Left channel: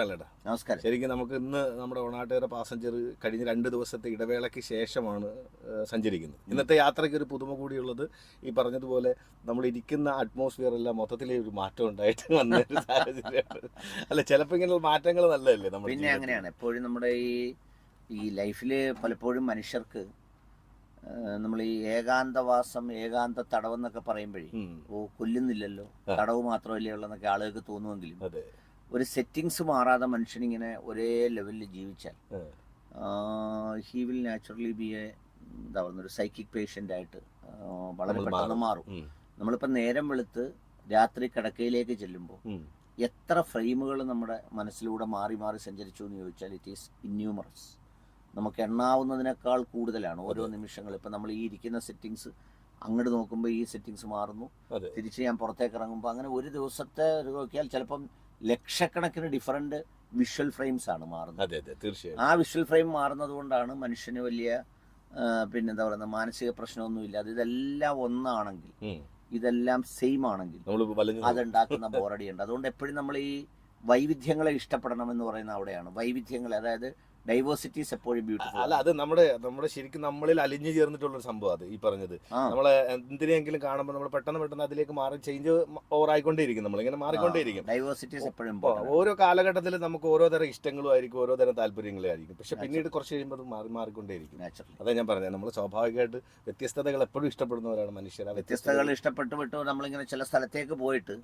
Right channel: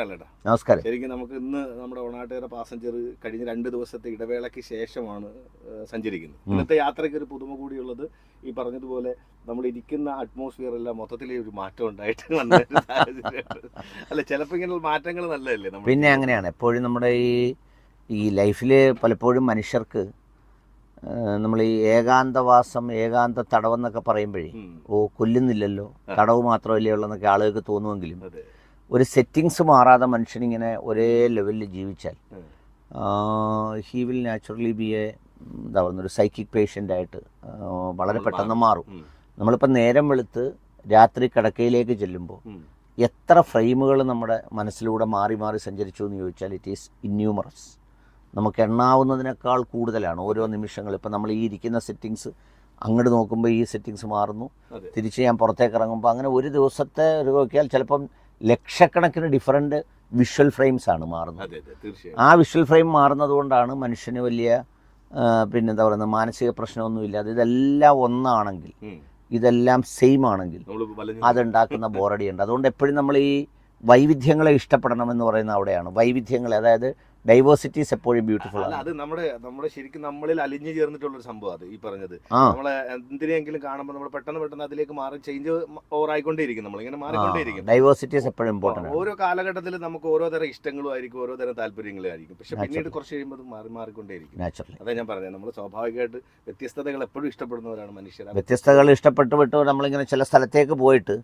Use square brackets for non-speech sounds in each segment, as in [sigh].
നമസ്കാരം. ശരിക്കും നമുക്ക് ഇന്ന് നമ്മുടെ ഒണാട്ടുകര പാസഞ്ചർ കഴിഞ്ഞ രണ്ട് ദിവസത്തെ ഇടവേളയ്ക്ക് ശേഷമാണ് സഞ്ചരിക്കുന്നത്. ഇന്നത്തെ യാത്രയ്ക്ക് ഒരു പുതുമ കൂടിയുള്ളത് ഈ പറഞ്ഞതുപോലെ നമ്മൾ ഇരിക്കുന്ന അറ്റ്മോസ്ഫിയർ എല്ലാം മൊത്തത്തിൽ ഒരു മാറ്റം ഉണ്ടായിട്ട് വന്ന. അല്ല ചിലപ്പോൾ ഇങ്ങനെ മാറ്റങ്ങൾ നല്ലതല്ലേ പിന്നെ അങ്ങനെയാണ്. എപ്പോഴും നമ്മുടെ ഈ ഈ ലൈഫിൽ പലപ്പോഴും മനുഷ്യർക്ക് നമ്മൾ ഈ ഏകാന്തവാസം ഏകാന്ത തടവെന്നൊക്കെ പറയുമ്പോഴേ ഓ കൊല്ലുന്നില്ലല്ലോ. തടവ് മാത്രമല്ലേ ഉള്ളെന്നൊക്കെ ആളുകൾക്ക് തോന്നുമെങ്കിലും ഒരു സെറ്റിങ്സ് മാറാതെ മനുഷ്യനിങ്ങനെ ഒരേ ലെവലിൽ ജീവിച്ചാൽ he will naturally be a എന്താ പറയുന്ന ഒരു സൈക്കിക് പേഷ്യന്റ് ആയിട്ട് ആ, വളരെ പെട്ടെന്ന് മാറും. നമ്മളിപ്പോൾ നേരം വെളുത്ത് രാത്രി കിടക്കയിലേക്ക് ചെല്ലുമ്പോൾ. എത്ര ഫ്രെയിമുകൾ നമ്മുടെ മനസ്സിലൂടെ മാറി മാറി സഞ്ചരിച്ചു എന്ന് ചോദിച്ചാൽ ഇറ്റ് ഈസ് ഇന്യൂമറസ് നമുക്ക് എണ്ണാവുന്നതിനേക്കാൾ കൂടുതലാണ് ഓരോ നിമിഷങ്ങൾ. ഇപ്പം നമ്മൾ ഈ ഇരിക്കുന്ന സെറ്റിങ്സ് അങ്ങോട്ട് നോക്കുമ്പോൾ ഈ സെറ്റിങ്സ് മാറുന്നു. തിരിച്ച് ഞാൻ പുറത്തേക്ക് ഇറങ്ങുമ്പോൾ അങ്ങനെ ഒരു ദിവസത്തെ ഒരു നോക്കിയാൽ ചിലപ്പം ലക്ഷക്കണക്കിന് ഡിഫറന്റ് വിഷ്വൽ ഫ്രെയിംസ് ആണ് മാറുന്നത്. ആ വിഷ്വൽ ഫ്രെയിം മാറുന്നത് കൊണ്ടാണ് മനുഷ്യന് വലിയ പിന്നെ എന്താ പറയുന്നത് മാനസിക പ്രശ്നമൊന്നുമില്ലാതെ ഇതെല്ലാം ഒന്നാണെങ്കിൽ ഇതെല്ലാം സെയിം ആണെങ്കിൽ അതുണ്ടാക്കുന്ന ബോറടി ഉണ്ട് അതുകൊണ്ട് എപ്പോഴും നമ്മൾ ഈ വൈവിധ്യങ്ങളെ ഇഷ്ടപ്പെടണം എന്ന് പറയുന്ന അവിടെയാണ്. വൈവിധ്യങ്ങളെ അതായത് ഡൈവേഴ്സിറ്റീസ് എപ്പോഴും ബ്യൂട്ടിഫുൾ അല്ല അത് നമ്മുടെ നമ്മുടെ ശരിക്കും നമ്മളിൽ അലിഞ്ഞു ചേർന്നിട്ടുള്ള ഒരു സംഭവം അത് ഈ പറഞ്ഞത്. നമ്മളെ എന്തിനെങ്കിലും കാണുമ്പോൾ നമ്മൾ പെട്ടെന്ന് പെട്ടെന്ന് അതിലേക്ക് മാറി ചേഞ്ച് ഓവർ ആയിക്കൊണ്ടേയിരിക്കും. നമ്മൾ ഇങ്ങനെ മാറിക്കൊണ്ടേയിരിക്കും. ഡൈവേഴ്സിറ്റീസ് എപ്പോഴും ഇമ്പോർട്ടന്റ് ആണ് ഓരോ കാലഘട്ടത്തിൽ നമുക്ക് ഓരോ തരം ഇഷ്ടങ്ങളും ആയിരിക്കും ഓരോ തരം താല്പര്യങ്ങളും ആയിരിക്കും. പക്ഷെ പിന്നീട്. കുറച്ച് കഴിയുമ്പോൾ മാറി മാറിക്കൊണ്ടേയിരിക്കും. അതാ ഞാൻ പറഞ്ഞത്. നമ്മൾ സ്വാഭാവികമായിട്ട് വ്യത്യസ്തതകൾ എപ്പോഴും ഇഷ്ടപ്പെടുന്നവരാണ് മനുഷ്യർ വ്യത്യസ്തകൾ ഇഷ്ടപ്പെട്ടു വിട്ട് നമ്മളിങ്ങനെ ചില സ്ഥലത്തേക്ക് പോയിട്ട്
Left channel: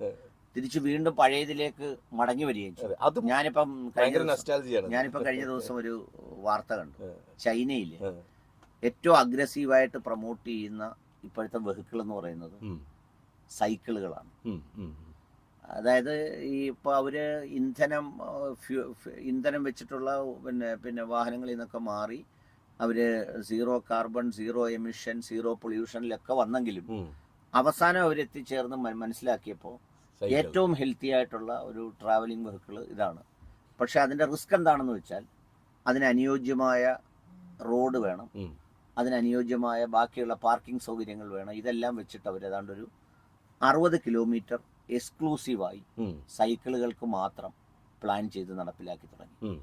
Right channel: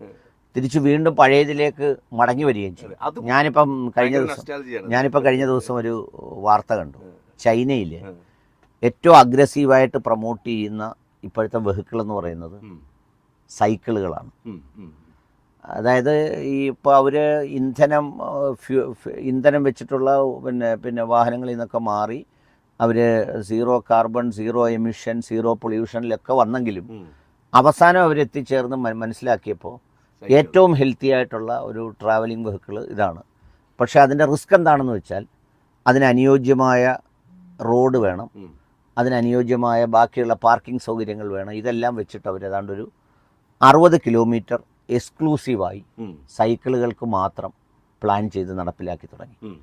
തിരിച്ച് വീണ്ടും പഴയതിലേക്ക് മടങ്ങി വരികയും ചെയ്യും ഞാനിപ്പം കഴിഞ്ഞ ദിവസം. ഞാനിപ്പോൾ കഴിഞ്ഞ ദിവസം ഒരു വാർത്ത കണ്ടു. ചൈനയിൽ ഏറ്റവും അഗ്രസീവായിട്ട് പ്രൊമോട്ട് ചെയ്യുന്ന ഇപ്പോഴത്തെ വെഹിക്കിൾ എന്ന് പറയുന്നത് സൈക്കിളുകളാണ്. അതായത് ഈ ഇപ്പോൾ അവർ ഇന്ധനം ഫ്യു- ഇന്ധനം വെച്ചിട്ടുള്ള പിന്നെ പിന്നെ വാഹനങ്ങളിൽ നിന്നൊക്കെ മാറി അവർ zero carbon zero emission zero പൊല്യൂഷനിലൊക്കെ വന്നെങ്കിലും അവസാനം അവരെത്തിച്ചേർന്ന് മനസ്സിലാക്കിയപ്പോൾ. ഏറ്റവും ഹെൽത്തി ആയിട്ടുള്ള ഒരു ട്രാവലിംഗ് വെഹിക്കിൾ ഇതാണ്. പക്ഷേ അതിന്റെ റിസ്ക് എന്താണെന്ന് വെച്ചാൽ അതിന് അനുയോജ്യമായ റോഡ് വേണം. അതിനനുയോജ്യമായ ബാക്കിയുള്ള പാർക്കിംഗ് സൗകര്യങ്ങൾ വേണം. ഇതെല്ലാം വെച്ചിട്ട് അവർ ഏതാണ്ട് ഒരു അറുപത് കിലോമീറ്റർ എക്സ്ക്ലൂസീവായി സൈക്കിളുകൾക്ക് മാത്രം പ്ലാൻ ചെയ്ത് നടപ്പിലാക്കി തുടങ്ങി.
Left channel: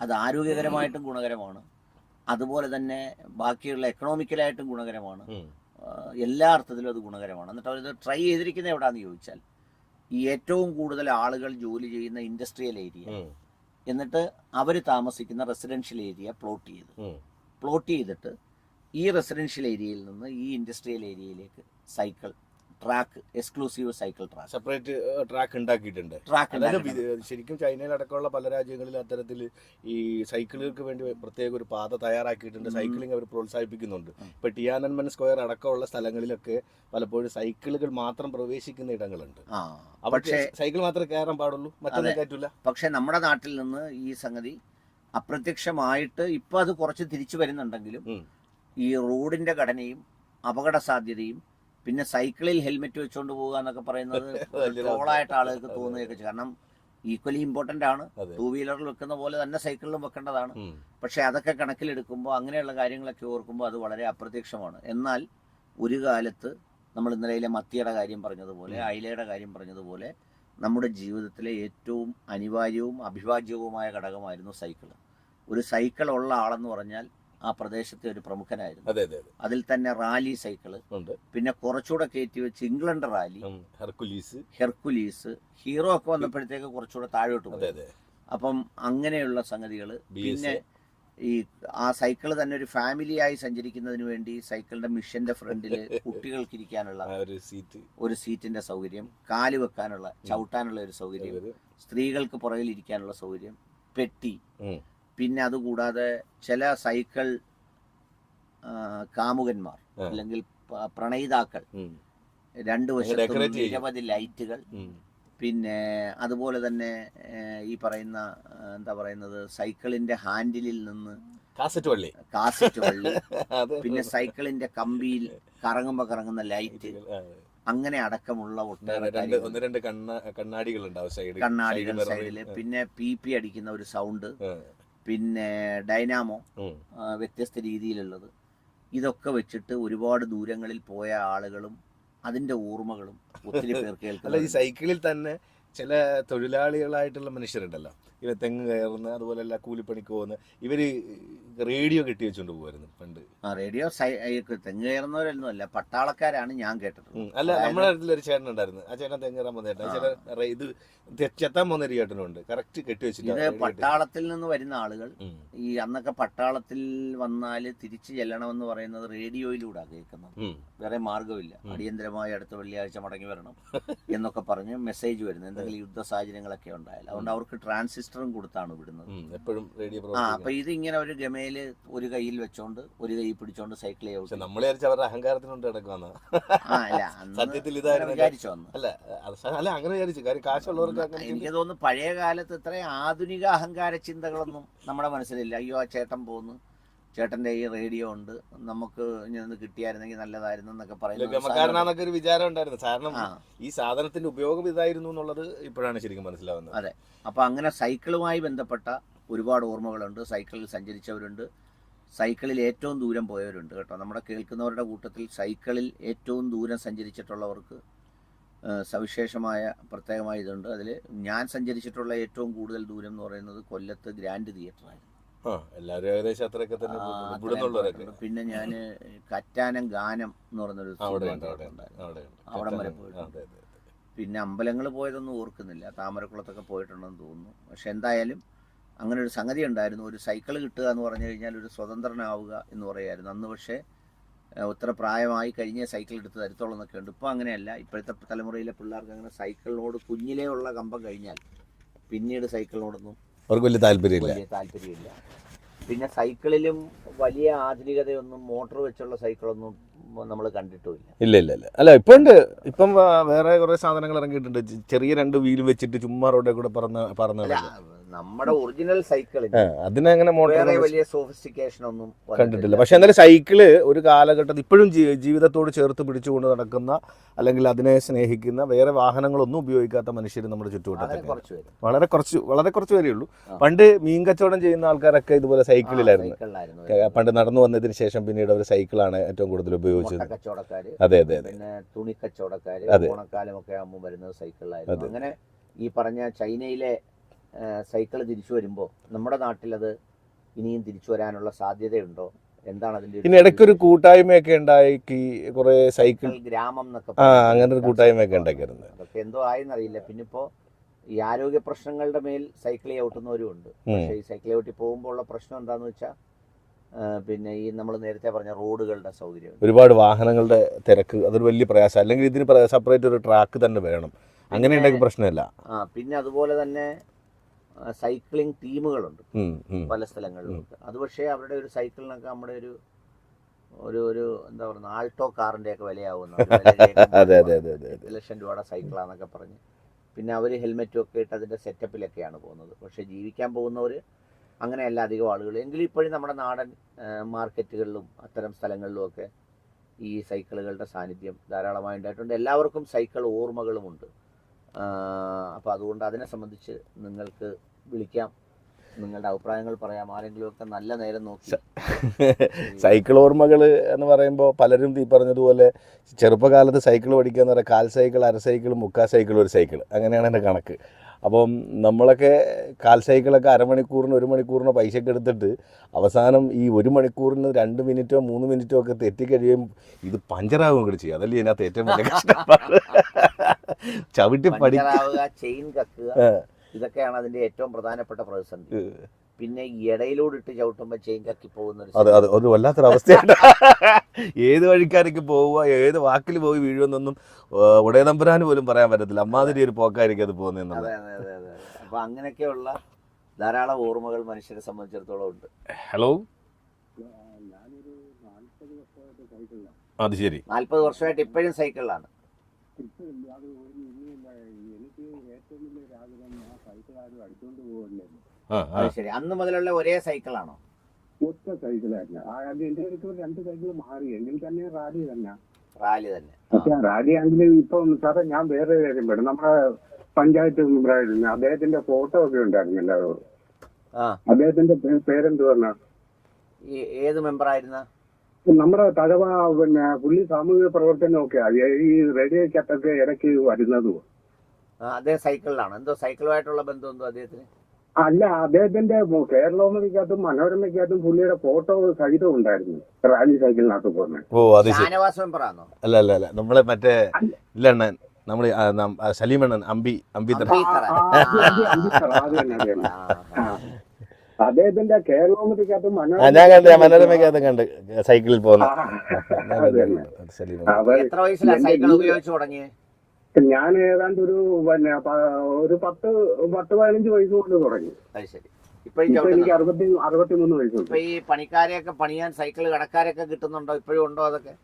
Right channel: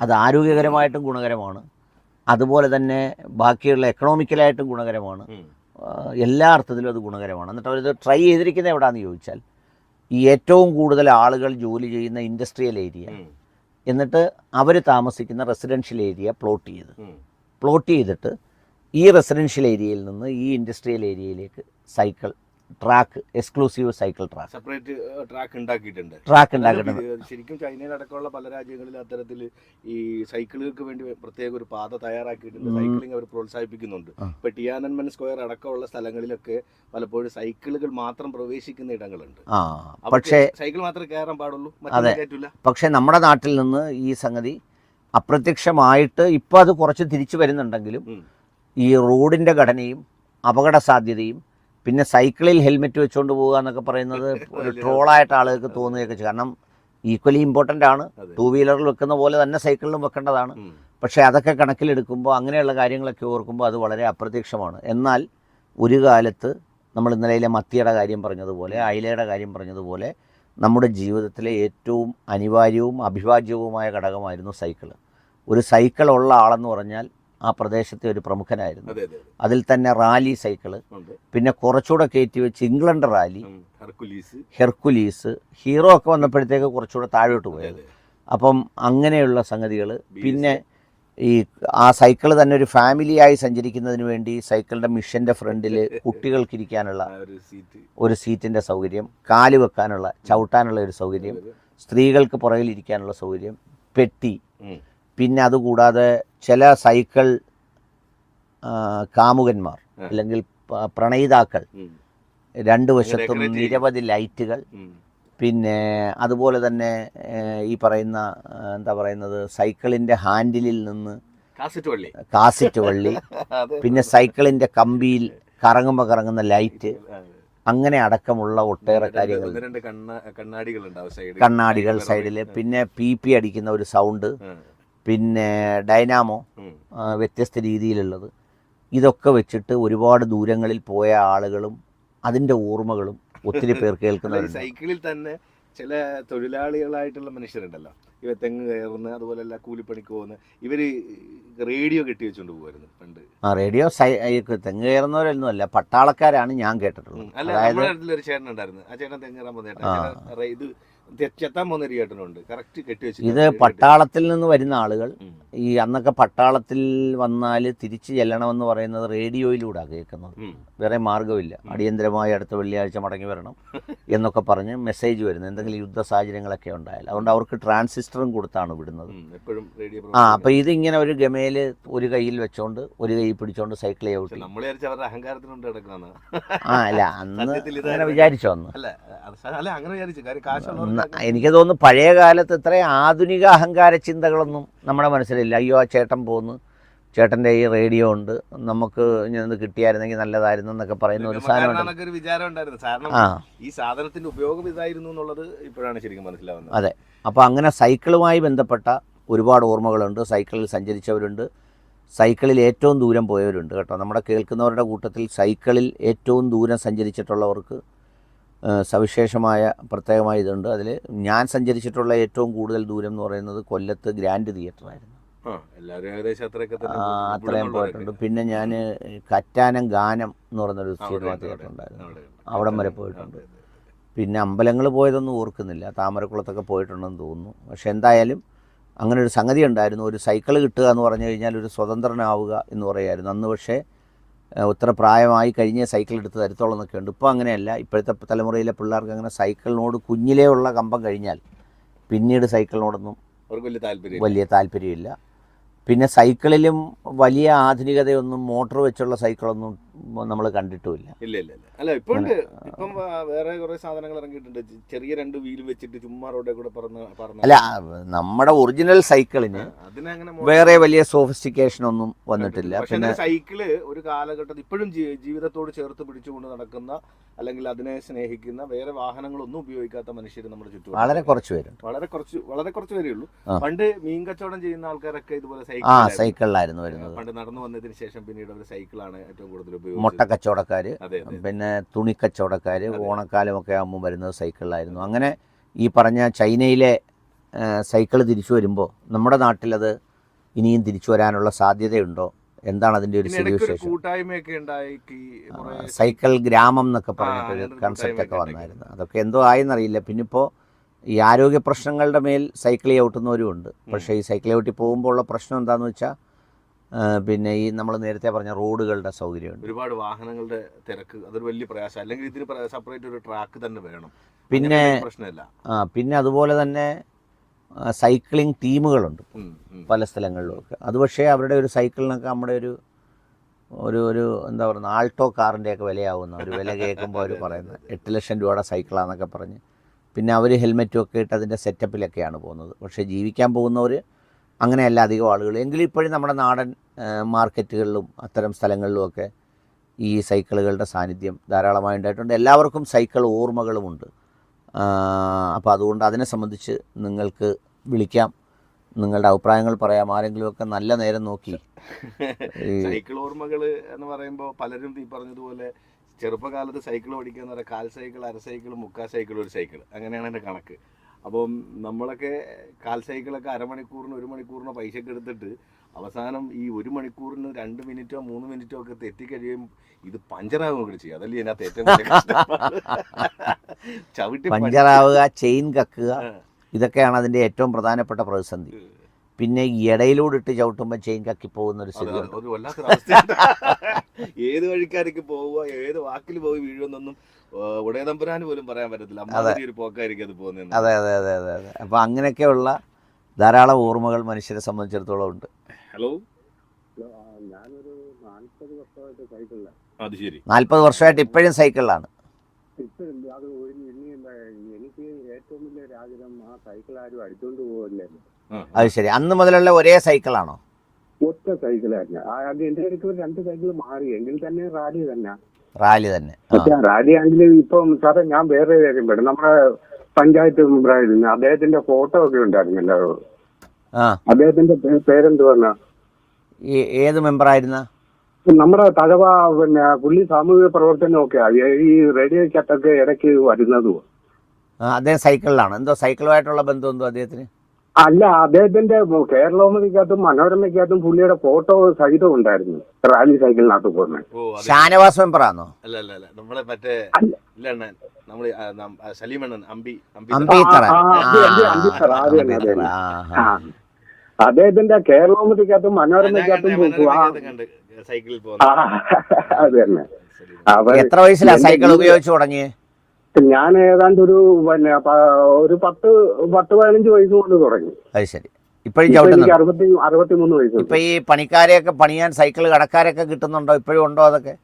അത് ആരോഗ്യകരമായിട്ടും ഗുണകരമാണ്. അതുപോലെ തന്നെ ബാക്കിയുള്ള എക്കണോമിക്കലായിട്ടും ഗുണകരമാണ്. എല്ലാ അർത്ഥത്തിലും അത് ഗുണകരമാണ്. എന്നിട്ട് അവരിത് ട്രൈ ചെയ്തിരിക്കുന്നത് എവിടെയാണെന്ന് ചോദിച്ചാൽ ഈ ഏറ്റവും കൂടുതൽ ആളുകൾ ജോലി ചെയ്യുന്ന ഇൻഡസ്ട്രിയൽ ഏരിയ എന്നിട്ട് അവർ താമസിക്കുന്ന റെസിഡൻഷ്യൽ ഏരിയ പ്ലോട്ട് ചെയ്ത്. പ്ലോട്ട് ചെയ്തിട്ട് ഈ റെസിഡൻഷ്യൽ ഏരിയയിൽ നിന്ന് ഈ ഇൻഡസ്ട്രിയൽ ഏരിയയിലേക്ക് cycle track exclusive cycle track. Separate track ഉണ്ടാക്കിയിട്ടുണ്ട്. ട്രാക്ക് ഉണ്ടാക്കിയിട്ടുണ്ട്. ശരിക്കും ചൈനയിലടക്കമുള്ള പല രാജ്യങ്ങളിൽ അത്തരത്തിൽ ഈ സൈക്കിളുകൾക്ക് വേണ്ടി പ്രത്യേക ഒരു പാത തയ്യാറാക്കിയിട്ടുണ്ട്. സൈക്ലിംഗ് അവർ പ്രോത്സാഹിപ്പിക്കുന്നുണ്ട്. ഇപ്പൊ ടിയാനൻമൻ സ്ക്വയർ അടക്കമുള്ള സ്ഥലങ്ങളിലൊക്കെ പലപ്പോഴും സൈക്കിളുകൾ മാത്രം പ്രവേശിക്കുന്ന ഇടങ്ങളുണ്ട്. പക്ഷേ സൈക്കിൾ മാത്രമേ കയറാൻ പാടുള്ളൂ? അതെ. പക്ഷേ നമ്മുടെ നാട്ടിൽ നിന്ന് ഈ സംഗതി അപ്രത്യക്ഷമായിട്ട് ഇപ്പൊ അത് കുറച്ച് തിരിച്ചു വരുന്നുണ്ടെങ്കിലും ഈ റോഡിന്റെ ഘടനയും അപകട സാധ്യതയും പിന്നെ സൈക്കിളിൽ ഹെൽമെറ്റ് വെച്ചുകൊണ്ട് പോകുക എന്നൊക്കെ പറയുന്നത് [laughs] ട്രോളായിട്ട് ആളുകൾക്ക് തോന്നുകയൊക്കെ ചെയ്യും. കാരണം ഈക്വലി ഇമ്പോർട്ടന്റ് ആണ്. ടൂ വീലറിൽ വെക്കുന്ന പോലെ തന്നെ സൈക്കിളിലും വെക്കേണ്ടതാണ്. പക്ഷേ അതൊക്കെ കണക്കിലെടുക്കുമ്പോൾ അങ്ങനെയുള്ള കാര്യങ്ങളൊക്കെ ഓർക്കുമ്പോൾ അത് വളരെ അപ്രത്യക്ഷമാണ്. എന്നാൽ ഒരു കാലത്ത് നമ്മൾ ഇന്നലെയിലെ മത്തിയുടെ കാര്യം പറഞ്ഞതുപോലെ അയിലയുടെ കാര്യം പറഞ്ഞതുപോലെ നമ്മുടെ ജീവിതത്തിലെ ഏറ്റവും അനിവാര്യവും അഭിവാജ്യവുമായ ഘടകമായിരുന്നു സൈക്കിൾ ഒരു സൈക്കിൾ ഉള്ള ആളെന്ന് പറഞ്ഞാൽ ആ പ്രദേശത്തെ ഒരു പ്രമുഖനായിരുന്നു. അതെ അതെ അതെ. അതിൽ തന്നെ റാലി സൈക്കിൾ പിന്നെ കുറച്ചുകൂടെ കയറ്റി വെച്ച് England Raleigh. Hercules. Hercules Hero ഒക്കെ വന്നപ്പോഴത്തേക്ക് കുറച്ചുകൂടെ താഴോട്ട് പോയത് അപ്പം അങ്ങനെയുള്ള സംഗതികൾ പിന്നെ ഈ ആ സൈക്കിൾ തന്നെ ഒരു ഫാമിലിയായി സഞ്ചരിക്കുന്നതിന് വേണ്ടി സൈക്കിളിന്റെ മിഷന്റെ ഫ്രണ്ടിൽ [laughs] കുട്ടികൾക്ക് ഇരിക്കാനുള്ള ഒരു സീറ്റ് ഒരു സീറ്റിന്റെ സൗകര്യം കാൽ വെക്കാനുള്ള ചവിട്ടാനുള്ള ഒരു സൗകര്യം സ്ത്രീകൾക്ക് പുറകിൽ ഇരിക്കാനുള്ള സൗകര്യം പെട്ടി. പിന്നെ അതുകൂടാതെ ചില സൈക്കിൾ കാമുകന്മാർ അല്ലെങ്കിൽ പ്രണയിതാക്കൾ രണ്ടു വശത്തും നിരവധി ലൈറ്റുകൾ. പിന്നെ അതുപോലെ തന്നെ ഈ പറയുന്ന എന്താ പറയുന്നത് സൈക്കിളിന്റെ ഹാൻഡിലിൽ നിന്ന് കാസറ്റ് വള്ളി. കാസറ്റ് വള്ളി [laughs] പിന്നെ സൈക്കിളിന്റെ കമ്പിയിൽ കറങ്ങുമ്പോൾ കറങ്ങുന്ന ലൈറ്റ്. അങ്ങനെ അടക്കമുള്ള ഒട്ടേറെ കാര്യങ്ങൾ കണ്ണാടികൾ സൈഡിൽ പിന്നെ പി പി അടിക്കുന്ന ഒരു സൗണ്ട്. പിന്നെ ഡൈനാമോ വ്യത്യസ്ത രീതിയിലുള്ളത്. ഇതൊക്കെ വെച്ചിട്ട് ഒരുപാട് ദൂരങ്ങളിൽ പോയ ആളുകളും അതിന്റെ ഓർമ്മകളും ഒത്തിരി പേർ കേൾക്കുന്ന കേൾക്കുന്നുണ്ട് സൈക്കിളിൽ തന്നെ ചില തൊഴിലാളികളായിട്ടുള്ള മനുഷ്യരുണ്ടല്ലോ. ഇവ തെങ്ങ് കയറുന്ന അതുപോലെ കൂലിപ്പണിക്ക് പോകുന്ന ഇവർ റേഡിയോ കെട്ടി വെച്ചോണ്ട് പോകുമായിരുന്നു പണ്ട്. ആ റേഡിയോ തെങ്ങ് കയറുന്നവരൊന്നും അല്ല പട്ടാളക്കാരാണ് ഞാൻ കേട്ടിട്ടുള്ളത്. അല്ല നമ്മുടെ ഒരു ചേട്ടൻ ഉണ്ടായിരുന്നു. ആ ചേട്ടൻ തെങ്ങ് കയറാൻ പോകുന്ന റേ- ഇത് ചേട്ടനുണ്ട് കറക്റ്റ് കെട്ടി ഇത് പട്ടാളത്തിൽ നിന്ന് വരുന്ന ആളുകൾ ഈ അന്നൊക്കെ പട്ടാളത്തിൽ വന്നാൽ തിരിച്ചു ചെല്ലണമെന്ന് പറയുന്നത് റേഡിയോയിലൂടെ കേൾക്കുന്നത്. വേറെ മാർഗമില്ല. ഉം. അടിയന്തരമായി അടുത്ത വെള്ളിയാഴ്ച മടങ്ങി വരണം എന്നൊക്കെ പറഞ്ഞ് മെസ്സേജ് വരുന്നു. എന്തെങ്കിലും യുദ്ധ സാഹചര്യങ്ങളൊക്കെ ഉണ്ടായാൽ. അതുകൊണ്ട് അവർക്ക് ട്രാൻസിസ്റ്ററും കൊടുത്താണ് വിടുന്നത്. ആ അപ്പോൾ ഇതിങ്ങനെ ഒരു ഗമയിൽ ഒരു കയ്യിൽ വെച്ചോണ്ട് ഒരു കൈ പിടിച്ചോണ്ട് സൈക്കിൾ കിടക്കാന്ന് ആ അല്ല അന്ന് അങ്ങനെ. വിചാരിച്ചോ അന്ന്. എനിക്ക് തോന്നുന്നു പഴയ കാലത്ത് ഇത്രയും ആധുനിക അഹങ്കാര ചിന്തകളൊന്നും നമ്മുടെ മനസ്സിലില്ല. അയ്യോ ആ ചേട്ടൻ പോന്നു ചേട്ടന്റെ ഈ റേഡിയോ ഉണ്ട്. നമുക്ക് ഇങ്ങനെ കിട്ടിയായിരുന്നെങ്കിൽ നല്ലതായിരുന്നു എന്നൊക്കെ പറയുന്ന ഒരു സാധനം ഗമക്കാരനാന്നൊക്കെ ഒരു വിചാരം ഉണ്ടായിരുന്നു. കാരണം ഈ സാധനത്തിന്റെ ഉപയോഗം ഇതായിരുന്നു എന്നുള്ളത് ഇപ്പോഴാണ് ശരിക്കും മനസ്സിലാവുന്നത്. അതെ. അപ്പോൾ അങ്ങനെ സൈക്കിളുമായി ബന്ധപ്പെട്ട ഒരുപാട് ഓർമ്മകളുണ്ട്. സൈക്കിളിൽ സഞ്ചരിച്ചവരുണ്ട്. സൈക്കിളിൽ ഏറ്റവും ദൂരം പോയവരുണ്ട് കേട്ടോ. നമ്മുടെ കേൾക്കുന്നവരുടെ കൂട്ടത്തിൽ സൈക്കിളിൽ ഏറ്റവും ദൂരം സഞ്ചരിച്ചിട്ടുള്ളവർക്ക് സവിശേഷമായ പ്രത്യേകമായ ഇതുണ്ട്. അതിൽ ഞാൻ സഞ്ചരിച്ചിട്ടുള്ള ഏറ്റവും കൂടുതൽ ദൂരം എന്ന് പറയുന്നത് കൊല്ലത്ത് ഗ്രാൻഡ് തിയേറ്ററായിരുന്നു. എല്ലാവരും ഏകദേശം. അത്രയും പോയിട്ടുണ്ട്. പിന്നെ ഞാൻ കറ്റാനം ഗാനം എന്ന് പറഞ്ഞൊരു സിനിമ തിയേറ്റർ അവിടെ വരെ പോയിട്ടുണ്ട്. പിന്നെ അമ്പലങ്ങൾ പോയതൊന്നും ഓർക്കുന്നില്ല. താമരക്കുളത്തൊക്കെ പോയിട്ടുണ്ടെന്ന് തോന്നുന്നു. പക്ഷെ എന്തായാലും അങ്ങനെ ഒരു സംഗതി ഉണ്ടായിരുന്നു. ഒരു സൈക്കിൾ കിട്ടുക എന്ന് പറഞ്ഞു കഴിഞ്ഞാൽ ഒരു സ്വതന്ത്രനാവുക എന്ന് പറയായിരുന്നു. അന്ന് പക്ഷേ ഒത്ര പ്രായമായി കഴിഞ്ഞ സൈക്കിൾ എടുത്ത് തരത്തോളം എന്നൊക്കെ ഉണ്ട്. ഇപ്പോൾ അങ്ങനെയല്ല. ഇപ്പോഴത്തെ തലമുറയിലെ പിള്ളേർക്ക് അങ്ങനെ സൈക്കിളിനോട് കുഞ്ഞിലേ ഉള്ള കമ്പം കഴിഞ്ഞാൽ പിന്നീട് സൈക്കിളിനോടൊന്നും അവർക്ക് വലിയ താല്പര്യം വലിയ താല്പര്യമില്ല. പിന്നെ സൈക്കിളിലും വലിയ ആധുനികതയൊന്നും മോട്ടോർ വെച്ചുള്ള സൈക്കിളൊന്നും നമ്മൾ കണ്ടിട്ടുമില്ല. ഇല്ല ഇല്ല ഇല്ല. അല്ല ഇപ്പൊ ഉണ്ട്. ഇപ്പം വേറെ കുറെ സാധനങ്ങൾ ഇറങ്ങിയിട്ടുണ്ട്. ചെറിയ രണ്ട് വീൽ വെച്ചിട്ട് ചുമ്മാ റോഡിൽ കൂടെ പറന്ന് പറന്ന്. അല്ല നമ്മുടെ ഒറിജിനൽ സൈക്കിളിന് അതിനങ്ങനെ വേറെ വലിയ സോഫിസ്റ്റിക്കേഷൻ ഒന്നും വന്നിട്ടില്ല. പക്ഷെ എന്നാലും സൈക്കിൾ ഒരു കാലഘട്ടത്തിൽ ഇപ്പോഴും ജീവിതത്തോട് ചേർത്ത് പിടിച്ചുകൊണ്ട് നടക്കുന്ന അല്ലെങ്കിൽ അതിനെ സ്നേഹിക്കുന്ന വേറെ വാഹനങ്ങളൊന്നും ഉപയോഗിക്കാത്ത മനുഷ്യർ നമ്മുടെ ചുറ്റും വളരെ കുറച്ച് പേര് വളരെ കുറച്ച് വളരെ കുറച്ച് പേരേ ഉള്ളൂ. പണ്ട് മീൻ കച്ചവടം ചെയ്യുന്ന ആൾക്കാരൊക്കെ ഇതുപോലെ സൈക്കിൾ സൈക്കിളിലായിരുന്നു. പണ്ട് നടന്നു വന്നതിന് ശേഷം പിന്നീട് അവർ സൈക്കിളാണ് ഏറ്റവും കൂടുതൽ മുട്ട കച്ചവടക്കാർ കച്ചവടക്കാര് പിന്നെ തുണി കച്ചവടക്കാര്. ഓണക്കാലമൊക്കെ ആകുമ്പോൾ വരുന്നത് സൈക്കിളിലായിരുന്നു. അങ്ങനെ ഈ പറഞ്ഞ ചൈനയിലെ സൈക്കിൾ തിരിച്ചു വരുമ്പോൾ നമ്മുടെ നാട്ടിലത് ഇനിയും തിരിച്ചു വരാനുള്ള സാധ്യതയുണ്ടോ? എന്താണ് അതിന്റെ ഒരു ഇടയ്ക്ക് ഒരു കൂട്ടായ്മയൊക്കെ കുറെ സൈക്കിൾ ഗ്രാമം എന്നൊക്കെ പറഞ്ഞു. അതൊക്കെ എന്തോ ആയെന്നറിയില്ല. പിന്നെ ഇപ്പോൾ ഈ ആരോഗ്യ പ്രശ്നങ്ങളുടെ മേൽ സൈക്കിൾ ചവിട്ടുന്നവരും ഉണ്ട്. പക്ഷേ ഈ സൈക്കിൾ ചവിട്ടി പോകുമ്പോൾ ഉള്ള പ്രശ്നം എന്താണെന്ന് വെച്ചാൽ പിന്നെ ഈ നമ്മൾ നേരത്തെ പറഞ്ഞ റോഡുകളുടെ സൗകര്യം ഒരുപാട് വാഹനങ്ങളുടെ തിരക്ക് അതൊരു വലിയ പ്രയാസം. അല്ലെങ്കിൽ ഇതിന് സെപ്പറേറ്റ് ഒരു ട്രാക്ക് തന്നെ വേണം. പിന്നെ- പ്രശ്നമില്ല. ആ പിന്നെ അതുപോലെ തന്നെ സൈക്ലിംഗ് ടീമുകളുണ്ട്. പല സ്ഥലങ്ങളിലൊക്കെ. അത് പക്ഷേ അവരുടെ ഒരു സൈക്കിളിനൊക്കെ നമ്മുടെ ഒരു ഒരു ഒരു എന്താ പറയുക ആൾട്ടോ കാറിന്റെയൊക്കെ വിലയാവുന്ന ഒരു വില കേൾക്കുമ്പോൾ. [laughs] എട്ട് ലക്ഷം രൂപയുടെ സൈക്കിളാന്നൊക്കെ പറഞ്ഞ്. പിന്നെ അവർ ഹെൽമെറ്റും ഒക്കെ ഇട്ട് അതിന്റെ സെറ്റപ്പിലൊക്കെയാണ് പോകുന്നത്. പക്ഷേ ജീവിക്കാൻ പോകുന്നവർ അങ്ങനെയല്ല അധികം ആളുകൾ. എങ്കിലും ഇപ്പോഴും നമ്മുടെ നാടൻ മാർക്കറ്റുകളിലും അത്തരം സ്ഥലങ്ങളിലുമൊക്കെ ഈ സൈക്കിളുകളുടെ സാന്നിധ്യം ധാരാളമായി ഉണ്ടായിട്ടുണ്ട്. എല്ലാവർക്കും സൈക്കിൾ ഓർമ്മകളുമുണ്ട്. അപ്പോൾ അതുകൊണ്ട് അതിനെ സംബന്ധിച്ച് നിങ്ങൾക്ക് വിളിക്കാം. നിങ്ങളുടെ അഭിപ്രായങ്ങൾ പറയാം. ആരെങ്കിലുമൊക്കെ നല്ല നേരം നോക്കി. സൈക്കിൾ ഓർമ്മകൾ എന്ന് പറയുമ്പോൾ പലരും ഈ പറഞ്ഞതുപോലെ ചെറുപ്പകാലത്ത് സൈക്കിൾ പഠിക്കുക എന്ന് പറയുക കാൽ സൈക്കിൾ അര സൈക്കിൾ മുക്കാൽ സൈക്കിൾ ഒരു സൈക്കിൾ. അങ്ങനെയാണ് എന്റെ കണക്ക്. അപ്പം നമ്മളൊക്കെ കാൽ സൈക്കിളൊക്കെ അരമണിക്കൂറിന് ഒരു മണിക്കൂറിന് പൈസയൊക്കെ എടുത്തിട്ട് അവസാനം ഈ ഒരു മണിക്കൂറിന് രണ്ട് മിനിറ്റോ മൂന്ന് മിനിറ്റോ ഒക്കെ തെറ്റിക്കഴിയും ഇത് പഞ്ചറാവുകയും കൂടി ചെയ്യും. അതല്ലേ ഇതിനകത്ത് ഏറ്റവും വലിയ കഷ്ടപ്പാട്? ചവിട്ടി പഞ്ചറാവുക ചെയിൻ കക്കുക. ഇതൊക്കെയാണ് അതിന്റെ ഏറ്റവും പ്രധാനപ്പെട്ട പ്രതിസന്ധി. പിന്നെ ഇടയിലൂടെ ഇട്ട് ചവിട്ടുമ്പോൾ ചെയിൻ കക്കി പോകുന്ന ഒരു വല്ലാത്തൊരവസ്ഥയാണ്. [laughs] ഏത് വഴിക്കാരൊക്കെ പോവുക ഏത് വാക്കിൽ പോയി വീഴുമെന്നൊന്നും ഉടയതമ്പുരാന് പോലും പറയാൻ പറ്റത്തില്ല. അമ്മാതിരി ഒരു പോക്കായിരിക്കും അത് പോകുന്നത് അതെ അതെ അതെ അതെ അതെ. അപ്പൊ അങ്ങനെയൊക്കെയുള്ള ധാരാളം ഓർമ്മകൾ മനുഷ്യരെ സംബന്ധിച്ചിടത്തോളം ഉണ്ട്. ഹലോ അത് ശരി. നാൽപ്പത് വർഷമായിട്ട് ഇപ്പോഴും സൈക്കിളിലാണ് എനിക്ക് ഏറ്റവും വലിയ ആഗ്രഹം ആ സൈക്കിൾ ആരും അടിച്ചോണ്ട് പോകില്ലായിരുന്നു അത് ശരി. അന്ന് മുതലുള്ള ഒരേ സൈക്കിളാണോ? ഒറ്റ സൈക്കിളായിരുന്നു ആ, അത് എന്റെ അടുത്ത് രണ്ട് സൈക്കിൾ മാറി. എങ്കിൽ തന്നെ റാലി തന്നെ. റാലി തന്നെ. റാലി ആണെങ്കിൽ ഇപ്പം സാറേ ഞാൻ വേറെ കാര്യം പറയും നമ്മുടെ പഞ്ചായത്ത് മെമ്പറായിരുന്നു അദ്ദേഹത്തിന്റെ ഫോട്ടോ ഒക്കെ ഉണ്ടായിരുന്നല്ലോ ആ. അദ്ദേഹത്തിന്റെ പേരെന്ത് പറഞ്ഞ ഏത് മെമ്പറായിരുന്ന? നമ്മുടെ തഴവ പിന്നെ പുള്ളി സാമൂഹിക പ്രവർത്തനമൊക്കെ ഈ റേഡിയോ ചട്ടൊക്കെ ഇടയ്ക്ക് വരുന്നതും അദ്ദേഹം സൈക്കിളിലാണ്. എന്തോ സൈക്കിളുമായിട്ടുള്ള ബന്ധം എന്തോ അദ്ദേഹത്തിന്? അല്ല അദ്ദേഹത്തിന്റെ കേരളോമതിക്കകത്തും മനോരമയ്ക്കകത്തും പുള്ളിയുടെ ഫോട്ടോ സഹിതം ഉണ്ടായിരുന്നു. റാലി സൈക്കിളിനകത്ത് പോകുന്നത് ഓ അത് ശരി. ഷാനവാസ് മെമ്പറാണോ അല്ല അല്ല അല്ല. നമ്മളെ മറ്റേ. ഇല്ല അണ്ണൻ നമ്മൾ സലീമണ്ണൻ അമ്പി അമ്പി. അദ്ദേഹത്തിന്റെ ഞാൻ മനോരമയ്ക്കകത്തും കണ്ട് സൈക്കിളിൽ പോകുന്ന. എത്ര വയസ്സിലാണ് സൈക്കിൾ ഉപയോഗിച്ചു തുടങ്ങിയേ? ഞാൻ ഏതാണ്ട് ഒരു പിന്നെ ഒരു പത്ത് പത്ത് പതിനഞ്ച് വയസ്സ് കൊണ്ട് തുടങ്ങി. അത് ശരി. ഇപ്പോഴും എനിക്ക് അറുപത്തി അറുപത്തിമൂന്ന് വയസ്സ് ഇപ്പൊ ഈ പണിക്കാരെയൊക്കെ പണിയാൻ സൈക്കിൾ കടക്കാരൊക്കെ കിട്ടുന്നുണ്ടോ? ഇപ്പോഴും ഉണ്ടോ അതൊക്കെ?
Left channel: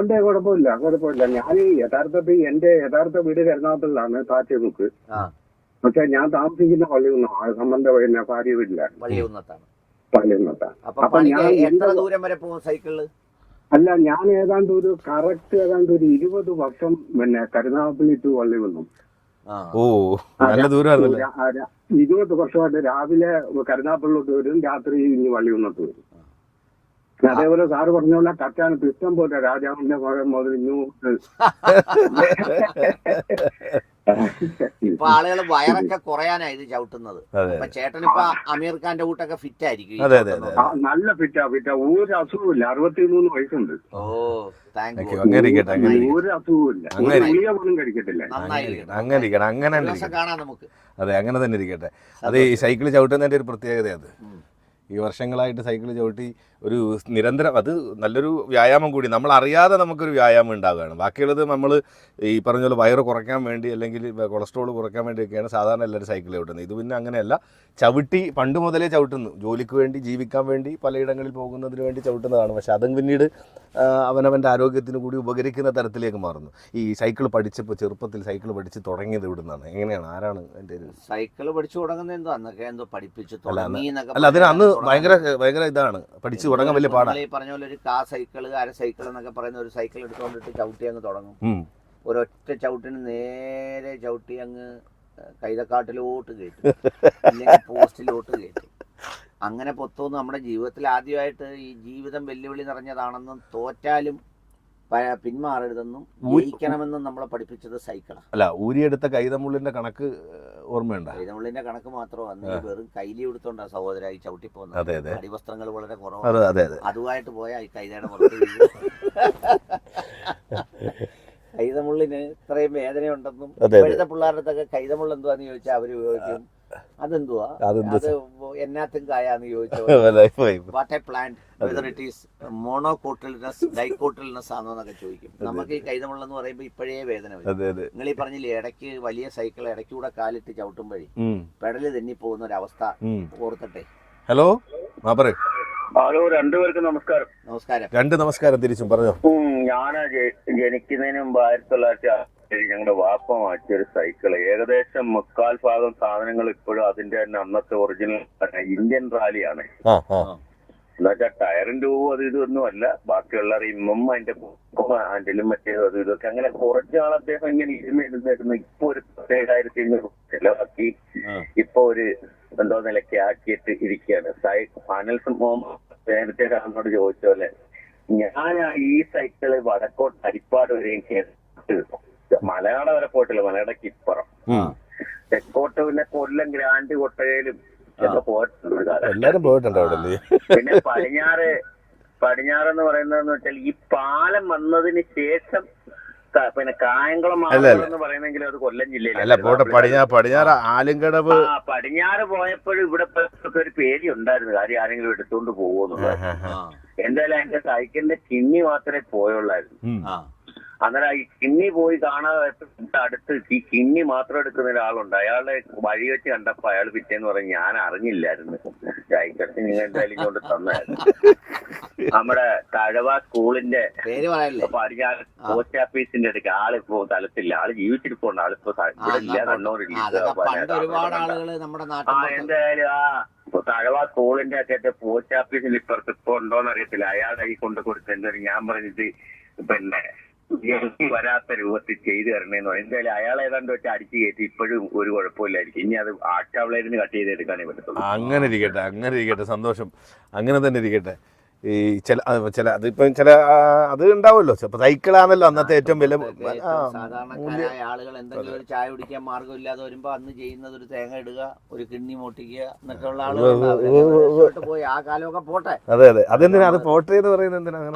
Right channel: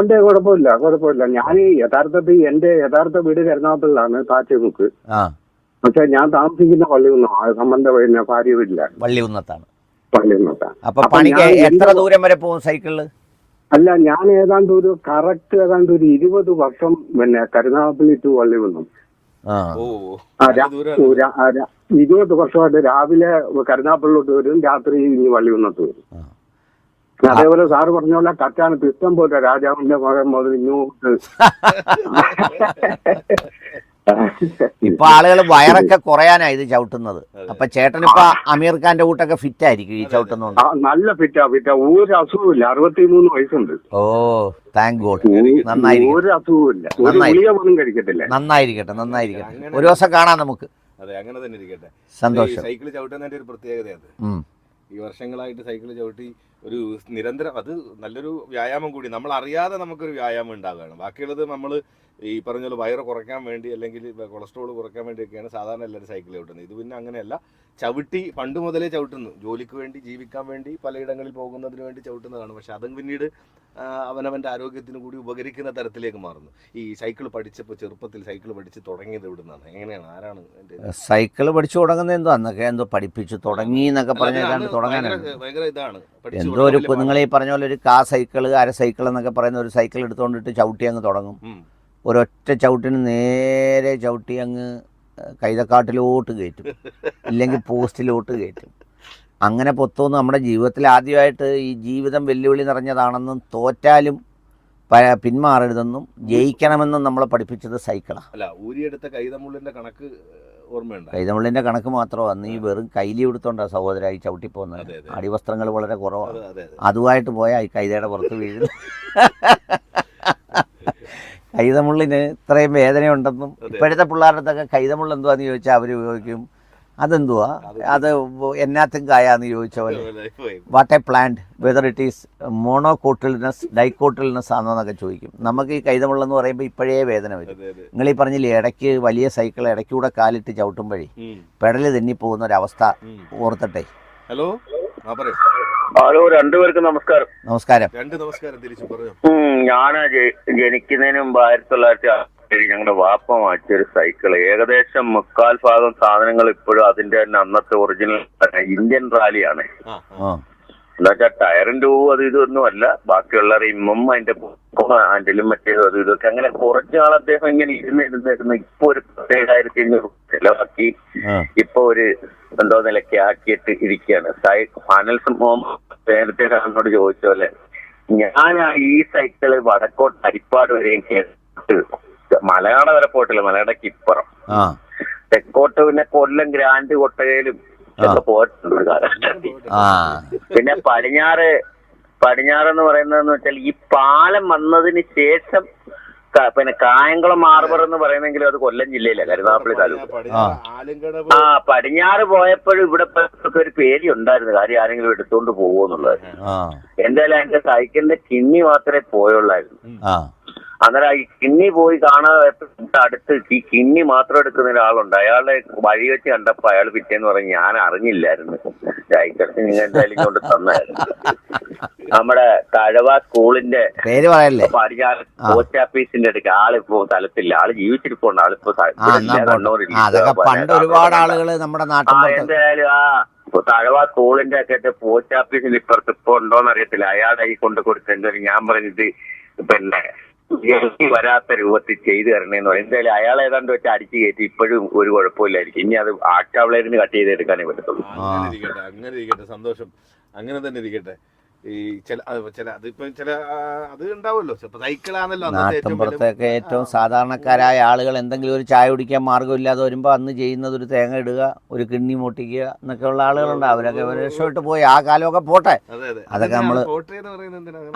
ഉണ്ട് കുഴപ്പമില്ല കുഴപ്പമില്ല. ഞാൻ യഥാർത്ഥത്തിൽ എന്റെ യഥാർത്ഥ വീട് എറണാകുളത്തിലാണ് താച്ചമുക്ക് പക്ഷെ ഞാൻ താമസിക്കുന്ന പള്ളികുന്നോ സംബന്ധ പിന്നെ ഭാര്യ വീട്ടിലാണ്. വള്ളി ഉന്നത്താണ് പള്ളികുന്നത്താണ്. അപ്പൊ പണിക്ക് എത്ര ദൂരം വരെ പോകും സൈക്കിളിൽ? അല്ല ഞാൻ ഏതാണ്ട് ഒരു കറക്റ്റ് ഏതാണ്ട് ഒരു ഇരുപത് വർഷം പിന്നെ കരുനാഗപ്പള്ളി ടു വള്ളി വന്നു. ഇരുപത് വർഷമായിട്ട് രാവിലെ കരുനാഗപ്പള്ളിലോട്ട് വരും രാത്രി ഇനി വള്ളി വന്നിട്ട് വരും. അതേപോലെ സാറ് പറഞ്ഞ പോലെ കറ്റാനത്ത് ഇഷ്ടം പോലെ രാജാവിന്റെ മകൻ മുതൽ ഇങ്ങോട്ട് [laughs] ഇപ്പൊ ആളുകൾ വയറൊക്കെ കുറയാനാ ഇത് ചവിട്ടുന്നത്. അപ്പൊ ചേട്ടൻ ഇപ്പൊ അമീർ ഖാന്റെ കൂട്ടൊക്കെ ഫിറ്റ് ആയിരിക്കും നല്ല ഫിറ്റാ ഫിറ്റാ ഒരു അസുഖമില്ല അറുപത്തിമൂന്ന് വയസ്സുണ്ട്. Oh thank God. ഒരു അസുഖമില്ല കഴിക്കത്തില്ല. നന്നായിരിക്കട്ടെ അങ്ങനെ നന്നായിരിക്കട്ടെ. അങ്ങനെ ഒരു ദിവസം കാണാം നമുക്ക്. അതെ അങ്ങനെ തന്നെ ഇരിക്കട്ടെ. ഈ സൈക്കിൾ ചവിട്ടുന്നതിന്റെ ഒരു പ്രത്യേകത അത്. ഈ വർഷങ്ങളായിട്ട് സൈക്കിൾ ചവിട്ടി ഒരു നിരന്തരം അത് നല്ലൊരു വ്യായാമം കൂടി. നമ്മൾ അറിയാതെ നമുക്കൊരു വ്യായാമം ഉണ്ടാവുകയാണ്. ബാക്കിയുള്ളത് നമ്മൾ ഈ പറഞ്ഞ പോലെ വയറ് കുറയ്ക്കാൻ വേണ്ടി അല്ലെങ്കിൽ കൊളസ്ട്രോൾ കുറയ്ക്കാൻ വേണ്ടിയൊക്കെയാണ് സാധാരണ എല്ലാവരും സൈക്കിൾ ചവിട്ടുന്നത് ഇത് പിന്നെ അങ്ങനെയല്ല. ചവിട്ടി പണ്ട് മുതലേ ചവിട്ടുന്നു. ജോലിക്ക് വേണ്ടി ജീവിക്കാൻ വേണ്ടി പലയിടങ്ങളിൽ പോകുന്നതിന് വേണ്ടി ചവിട്ടുന്നതാണ്. പക്ഷേ അതും പിന്നീട് അവനവന്റെ ആരോഗ്യത്തിന് കൂടി ഉപകരിക്കുന്ന തരത്തിലേക്ക് മാറുന്നു. ഈ സൈക്കിൾ പഠിച്ചപ്പോൾ ചെറുപ്പത്തിൽ സൈക്കിൾ പഠിച്ച് തുടങ്ങിയത് ഇവിടുന്നാണ് നിന്നാണ് എങ്ങനെയാണ്? ആരാണ് എന്റെ സൈക്കിൾ പഠിച്ചു തുടങ്ങുന്നത് എന്തോ അന്നൊക്കെ എന്തോ പഠിപ്പിച്ചു തുടങ്ങി എന്നൊക്കെ അന്ന് ഭയങ്കര ഭയങ്കര ഇതാണ്. പഠിച്ചു നിങ്ങൾ ഈ പറഞ്ഞ പോലെ ഒരു കാ സൈക്കിൾ അര സൈക്കിൾ എന്നൊക്കെ പറയുന്ന ഒരു സൈക്കിൾ എടുത്തുകൊണ്ടിട്ട് ചവിട്ടി അങ്ങ് തുടങ്ങും. ഒരൊറ്റ ചവിട്ടിന് നേരെ ചവിട്ടി അങ്ങ് കൈതക്കാട്ടിലോട്ട് കയറ്റും. ഇല്ലെങ്കിൽ പോസ്റ്റിലോട്ട് കയറ്റും. അങ്ങനെ പൊത്തോന്ന്. നമ്മുടെ ജീവിതത്തിൽ ആദ്യമായിട്ട് ഈ ജീവിതം വെല്ലുവിളി നിറഞ്ഞതാണെന്നും തോറ്റാലും പിന്മാറരുതെന്നും ജയിക്കണമെന്നും നമ്മളെ പഠിപ്പിച്ചത് സൈക്കിളാണ് അല്ല ഊരിയെടുത്ത കൈതമുള്ളിന്റെ കണക്ക് ഓർമ്മയുണ്ട്? കൈതമിളിന്റെ കണക്ക് മാത്രമാണ് അന്ന് ഈ വെറും കൈലി എടുത്തോണ്ടാണ് സഹോദരായി ചവിട്ടി പോകുന്നത്. അടിവസ്ത്രങ്ങൾ വളരെ കുറവാണ് അതെ അതെ അതെ. അതുമായിട്ട് പോയാൽ ഈ കൈതയുടെ പുറത്ത് വീഴും. [laughs] കൈതമുള്ളിന് ഇത്രയും വേദനയുണ്ടെന്നും. ഇപ്പോഴത്തെ പിള്ളേരുടെ അടുത്തൊക്കെ കൈതമുള്ള എന്തുവാന്ന് ചോദിച്ചാൽ അവർ ഉപയോഗിക്കും. അതെന്തുവാ? അതെന്ത് അത് എന്നാത്തും കായാന്ന് ചോദിച്ചവർ what a plant whether it is monocotyledons dicotyledons ആണോ എന്നൊക്കെ ചോദിക്കും. നമുക്ക് ഈ കൈതമുള്ള എന്ന് പറയുമ്പോൾ ഇപ്പോഴേ വേദന വരും. നിങ്ങൾ ഈ പറഞ്ഞില്ലേ ഇടയ്ക്ക് വലിയ സൈക്കിൾ ഇടയ്ക്കൂടെ കാലിട്ട് ചവിട്ടുമ്പോഴേ പെടൽ തെന്നിപ്പോകുന്ന ഒരവസ്ഥ അവസ്ഥ ഓർത്തട്ടെ. ഹലോ ഹലോ രണ്ടുപേർക്കും നമസ്കാരം. നമസ്കാരം. രണ്ട് നമസ്കാരം തിരിച്ചും പറഞ്ഞോ. ഞാൻ ജനിക്കുന്നതിന് മുമ്പ് ആയിരത്തി തൊള്ളായിരത്തി ഞങ്ങളുടെ വാപ്പ വാങ്ങിച്ചൊരു സൈക്കിൾ ഏകദേശം മുക്കാൽ ഭാഗം സാധനങ്ങൾ ഇപ്പോഴും അതിന്റെ തന്നെ അന്നത്തെ ഒറിജിനൽ ഇന്ത്യൻ റാലിയാണ് എന്നുവെച്ചാൽ ടയറിന്റെ പൂവ് അത് ഇതൊന്നും അല്ല. ബാക്കിയുള്ള റിമ്മും അതിന്റെ ഹാൻഡിലും മറ്റേതും അത് ഇതൊക്കെ അങ്ങനെ കുറച്ചു നാൾ അദ്ദേഹം ഇങ്ങനെ ഇരുന്ന് ഇരുന്ന് ഇരുന്ന് ഇപ്പൊ ഒരു പത്തേഴായിരത്തി അഞ്ഞൂറ് ചിലവാക്കി. ഇപ്പൊ ഒരു എന്തോ നിലയ്ക്ക് ആക്കിയിട്ട് ഇരിക്കുകയാണ്. സൈ ഫാനൽ നേരത്തെ സാറിനോട് ചോദിച്ച പോലെ ഞാൻ ഈ സൈക്കിൾ വടക്കോട്ട് അരിപ്പാട് വരെയും കേട്ട് മലയാള വരെ പോയിട്ടില്ല. മലയാളക്ക് ഇപ്പുറം. തെക്കോട്ട് പിന്നെ കൊല്ലം ഗ്രാൻഡ് കൊട്ടകയിലും ഒക്കെ പോയിട്ടുണ്ട്. പിന്നെ പടിഞ്ഞാറ് പടിഞ്ഞാറ് എന്ന് പറയുന്നതെന്ന് വെച്ചാൽ ഈ പാലം വന്നതിന് ശേഷം പിന്നെ കായംകുളം മാർബർ എന്ന് പറയുന്നെങ്കിലും അത് കൊല്ലം ജില്ലയിലല്ല. ആ. പടിഞ്ഞാറ് പോയപ്പോഴും ഇവിടെ ഒരു പേടി ഉണ്ടായിരുന്നു. കാര്യം ആരെങ്കിലും എടുത്തുകൊണ്ട് പോകുമെന്നുള്ളത് എന്തായാലും അതിന്റെ സൈക്കിളിന്റെ കിന്നി മാത്രമേ പോയുള്ളായിരുന്നു. ആ. അന്നേരം ഈ കിന്നി പോയി കാണാതെ അടുത്ത് ഈ കിന്നി മാത്രം എടുക്കുന്ന ഒരാളുണ്ട്. അയാളെ വഴി വെച്ച് കണ്ടപ്പോ അയാൾ പിറ്റേന്ന് പറഞ്ഞ് ഞാൻ അറിഞ്ഞില്ലായിരുന്നു. സൈക്കിൾ നിങ്ങൾ എന്തായാലും കൊണ്ട് തന്നായിരുന്നു. നമ്മുടെ തഴവ സ്കൂളിന്റെ പേര് പറയല്ലേ? പടിഞ്ഞാറ്. പോസ്റ്റ് ഓഫീസിന്റെ അടുക്ക്. ആളിപ്പോ തലത്തില്ല ആൾ ജീവിച്ചിരിപ്പുണ്ട്. ആളിപ്പോ പണ്ട് ഒരുപാട് ആളുകൾ നമ്മുടെ പുറത്ത്. എന്തായാലും ആ തഴവ സ്കൂളിന്റെ ഒക്കെ പോസ്റ്റ് ഓഫീസിന്റെ ഇപ്പുറത്ത് ഇപ്പൊ ഉണ്ടോന്ന് അറിയത്തില്ല. അയാളുടെ കൈ കൊണ്ട് കൊടുത്തെന്തായാലും ഞാൻ പറഞ്ഞിട്ട് പിന്നെ എനിക്ക് വരാത്ത രൂപത്തിൽ ചെയ്തു തരണേന്ന് പറയും. എന്തായാലും അയാൾ ഏതാണ്ട് വെച്ച് അടിച്ച് കയറ്റി ഇപ്പോഴും ഒരു കുഴപ്പമില്ലായിരിക്കും. ഇനി അത് ആക്ടാവിളേന്ന് കട്ട് ചെയ്തെടുക്കാനേ പറ്റത്തുള്ളൂ. അങ്ങനെ ഇരിക്കട്ടെ അങ്ങനെ ഇരിക്കട്ടെ. സന്തോഷം. അങ്ങനെ തന്നെ ഇരിക്കട്ടെ. ഈ ചില ചില അതിപ്പം ചില അത് ഉണ്ടാവുമല്ലോ. ചിലപ്പോൾ സൈക്കിളാണല്ലോ അന്നത്തെ ഏറ്റവും വലിയ ഏറ്റവും സാധാരണക്കാരായ ആളുകൾ എന്തെങ്കിലും ഒരു ചായ കുടിക്കാൻ മാർഗമില്ലാതെ വരുമ്പോൾ അന്ന് ചെയ്യുന്നത് ഒരു തേങ്ങ ഇടുക ഒരു കിണ്ണി മുട്ടിക്കുക എന്നൊക്കെ ഉള്ള ആളുകളുണ്ട് അവരൊക്കെ രക്ഷപ്പെട്ട് പോയി. ആ കാലമൊക്കെ പോട്ടെ. അതെ അതെ.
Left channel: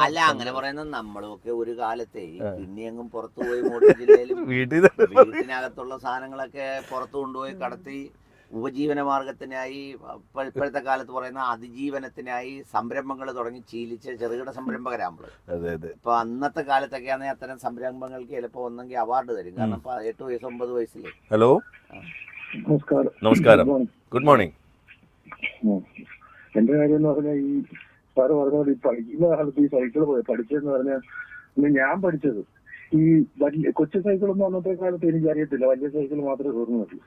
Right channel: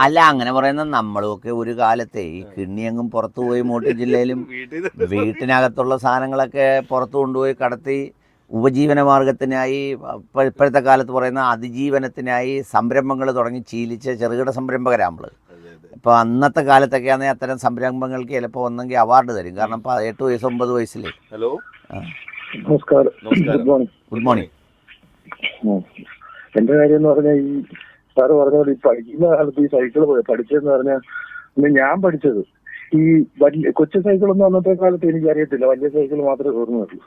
അല്ല അങ്ങനെ പറയുന്നത് നമ്മളൊക്കെ ഒരു കാലത്തെ ഈ കിണ്ണിയെങ്ങും പുറത്തു പോയി മൂട്ടി ജില്ലയിലും [laughs] വീട്ടിനകത്തുള്ള സാധനങ്ങളൊക്കെ പുറത്തു കൊണ്ടുപോയി കടത്തി ഉപജീവന മാർഗത്തിനായി ഇപ്പ- ഇപ്പോഴത്തെ കാലത്ത് പറയുന്ന അതിജീവനത്തിനായി സംരംഭങ്ങൾ തുടങ്ങി ശീലിച്ച ചെറുകിട സംരംഭകരാണ് നമ്മൾ ഇപ്പോൾ അന്നത്തെ കാലത്തൊക്കെയാണെങ്കിൽ അത്തരം സംരംഭങ്ങൾക്ക് ചിലപ്പോൾ ഒന്നെങ്കിൽ അവാർഡ് തരും. കാരണം ഇപ്പോൾ എട്ട് വയസ്സ് ഒമ്പത് വയസ്സിൽ ഹലോ? നമസ്കാരം. നമസ്കാരം. ഗുഡ് മോർണിംഗ് എന്റെ കാര്യം എന്ന് പറഞ്ഞാൽ ഈ സാറ് പറഞ്ഞ പോലെ ഈ പഠിക്കുന്ന കാലത്ത് ഈ സൈക്കിൾ പഠിച്ചതെന്ന് പറഞ്ഞാൽ ഞാൻ പഠിച്ചത് ഈ വലിയ കൊച്ചു സൈക്കിളൊന്നും അന്നത്തെ കാലത്ത് എനിക്ക് അറിയത്തില്ല വലിയ സൈക്കിൾ മാത്രമേ ഓർമ്മയുള്ളൂ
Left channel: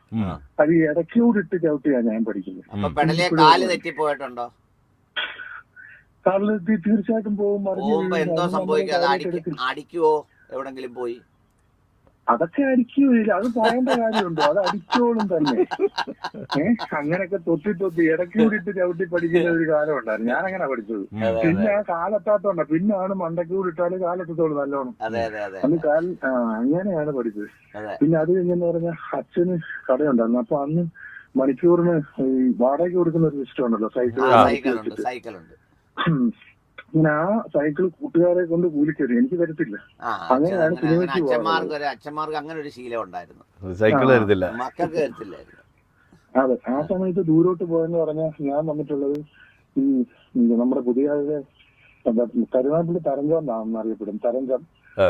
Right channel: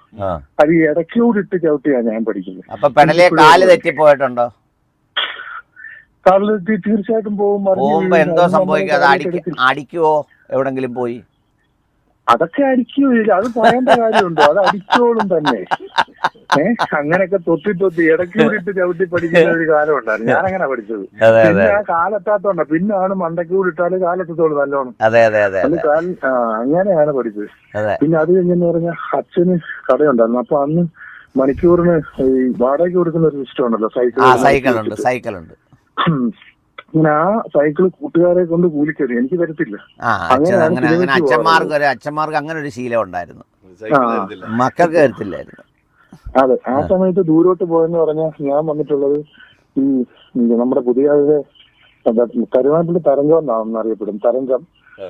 അത് ഈ ഇടയ്ക്കൂടിട്ട് ചവിട്ടിയാ ഞാൻ പഠിക്കുന്നത്. അപ്പൊ പെടലേ കാൽ തെറ്റിപ്പോയിട്ടുണ്ടോ തീർച്ചയായിട്ടും പോകുമ്പോ. എന്തോ അത് നമ്മളെ സംഭവിക്കും? അത് കാലിൽ അടിക്ക കിടക്കും. അടിക്കുവോ? എവിടെങ്കിലും പോയി? അതൊക്കെ അടിക്കൂല അത് പറയേണ്ട കാര്യമുണ്ടോ? അത് അടിച്ചോളും തന്നെ. [laughs] ഏഹ് അങ്ങനെയൊക്കെ തൊത്തി തൊത്തി ഇടയ്ക്ക് കൂടിയിട്ട് ചവിട്ടി പഠിക്കുന്ന ഒരു കാലമുണ്ടായിരുന്നു ഞാൻ അങ്ങനെ പഠിച്ചത്. പിന്നെ ആ കാലെത്താത്തോണ്ട. പിന്നാണ് മണ്ടയ്ക്കൂടി ഇട്ടാൽ കാലെത്തത്തോളൂ നല്ലോണം. അങ്ങനെയാണ് പഠിച്ചത്. പിന്നെ അത് കഴിഞ്ഞെന്ന് പറഞ്ഞാൽ അച്ഛന് കടയുണ്ടായിരുന്നു അപ്പൊ അന്ന് മണിക്കൂറിന് ഈ വാടകയ്ക്ക് കൊടുക്കുന്ന ഒരു സിസ്റ്റം ഉണ്ടല്ലോ ആ സൈക്കിൾ ഉണ്ട് സൈക്കിളുണ്ട്. സൈക്കിളുണ്ട് അങ്ങനെ ആ സൈക്കിൾ കൂട്ടുകാരെ കൊണ്ട് കൂലിക്കരുത് എനിക്ക് തരത്തില്ല ആ അച്ഛൻ അങ്ങനെ അങ്ങനെ അച്ഛന്മാർക്ക് ഒരു അച്ഛന്മാർക്ക് അങ്ങനെ ഒരു ശീലം ഉണ്ടായിരുന്നു. സൈക്കിൾ. തരത്തില്ല മക്കൾക്ക് തരത്തില്ലായിരുന്നു അതെ ആ സമയത്ത് ദൂരോട്ട് പോയെന്ന് പറഞ്ഞാൽ ഞാൻ വന്നിട്ടുള്ളത് ഈ നമ്മുടെ പുതിയ കരുവാട്ടിൽ തരംഗം എന്നാണെന്ന് അറിയപ്പെടും തരംഗം.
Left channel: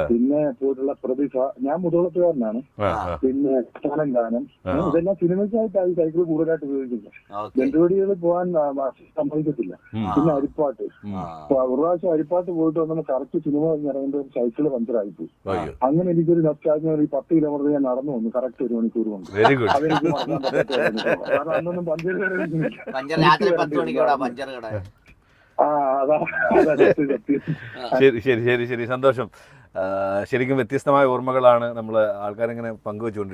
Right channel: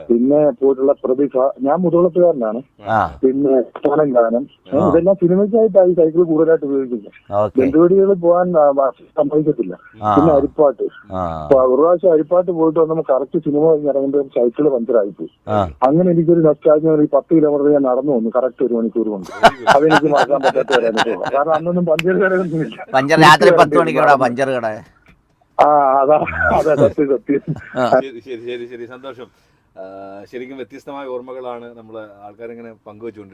പിന്നെ പോയിട്ടുള്ള പ്രതിഭ ഞാൻ മുതളത്തുകാരനാണ് പിന്നെ സ്ഥാനം ഗാനം. ഇതെല്ലാം സിനിമയ്ക്കായിട്ടാണ് ഈ സൈക്കിൾ കൂടുതലായിട്ട് ഉപയോഗിക്കുന്നത് ബന്ധുവടികൾ പോകാൻ സമ്മതിക്കത്തില്ല. പിന്നെ അരിപ്പാട്ട്. ഒരു പ്രാവശ്യം അരിപ്പാട്ട് പോയിട്ട് വന്നപ്പോൾ കറക്റ്റ് സിനിമ കഴിഞ്ഞ് ഇറങ്ങുമ്പോൾ സൈക്കിൾ പഞ്ചറായി പോയി. അങ്ങനെ എനിക്കൊരു നഷ്ടാജ്ഞ ഒരു പത്ത് കിലോമീറ്റർ ഞാൻ നടന്നു വന്നു. കറക്റ്റ് ഒരു മണിക്കൂർ കൊണ്ട്. വെരി ഗുഡ് അതെനിക്ക് മാറ്റാൻ പറ്റാത്ത. കാരണം അന്നൊന്നും പഞ്ചർ കടയൊന്നുമില്ല. പഞ്ചർ രാത്രി പത്ത് മണിക്ക് ഇവിടെ പഞ്ചർ കട? ശരി ശരി ശരി. സന്തോഷം. ശരിക്കും വ്യത്യസ്തമായ ഓർമ്മകളാണ് നമ്മൾ ആൾക്കാരിങ്ങനെ പങ്കുവെച്ചുകൊണ്ടിരിക്കുന്നത്.